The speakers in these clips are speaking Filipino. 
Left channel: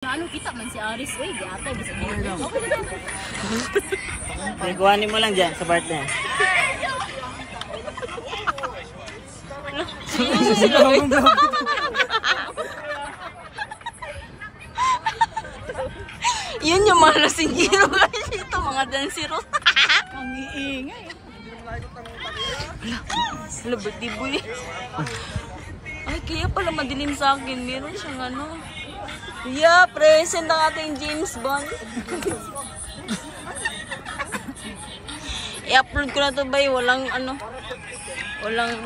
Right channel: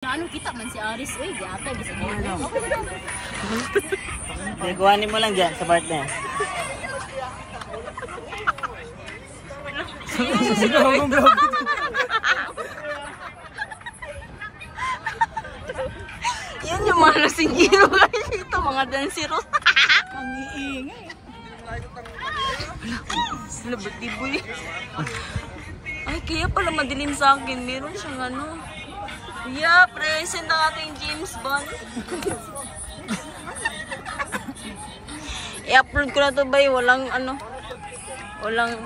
Ano kita man si Aris, uy, di ata bisa mo. Kuhanin mo lang dyan sa part na yan. Yun yung mga lasingiro guys, ito mga dansero. Ang iingay. Wala, ba't di boy? Ay, kaya pala madilim sa akin. Meron siyang ano. Yeah, present ang ating James Bond. I-upload ko na to ba? Walang ano. Walang...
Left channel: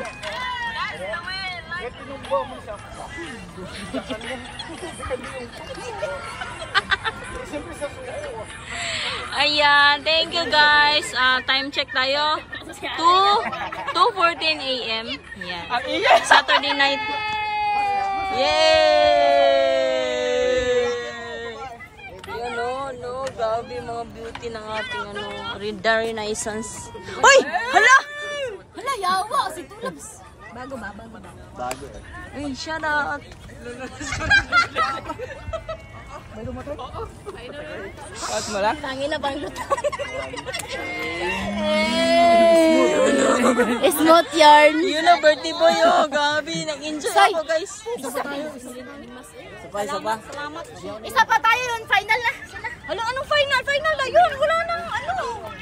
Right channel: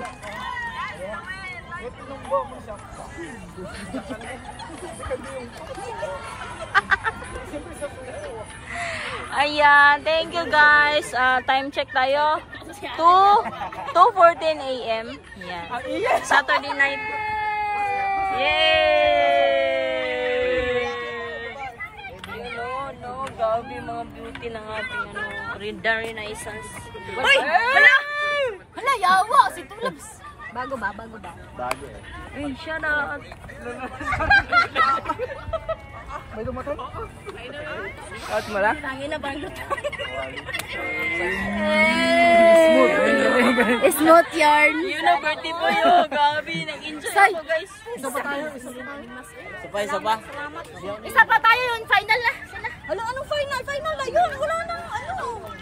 Ayan, thank you guys. Time check tayo. 2:14 AM. Yan. Saturday night. Yay! Yan no, grabe mga beauty ng ating ano, renaissance. Hoy! Hala! Hala, yawa si Tulabs. Bago ba? Bago eh. Ay, shout out. May dumatay? Out mo lang? Tangin na bang Smooth yarn. Yun na, birthday boy. Oh, grabe. Nag-enjoy ako, guys. Isa pa tayo. Isa pa. Isa pa tayo yun. Final na. Hala, anong final? Final na yun. Wala na. Ano?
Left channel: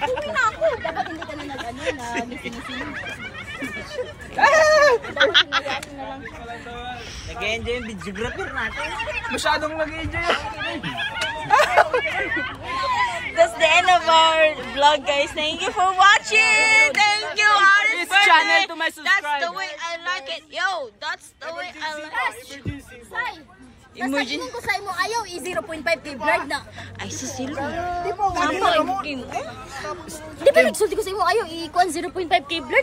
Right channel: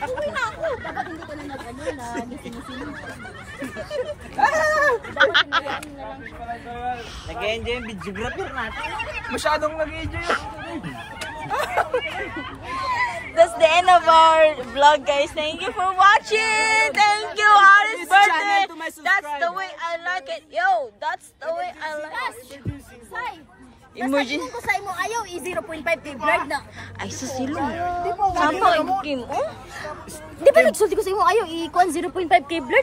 Uwi na ako. Dapat hindi ka na nag-ano na missing. Nag-enjoy yung videographer natin. Masyadong nag-enjoy. That's the end of our vlog, guys. Thank you for watching. Thank you, Aris' birthday. That's the way I like it. Yo, that's the way I like it. Emergency. Kung sa imo ayaw, 0.5 kay Brad na. Ay, susilo. Di ba? Tama, Kim. Di ba nagsulti ko sa imo ayaw, i-0.5 kay Brad?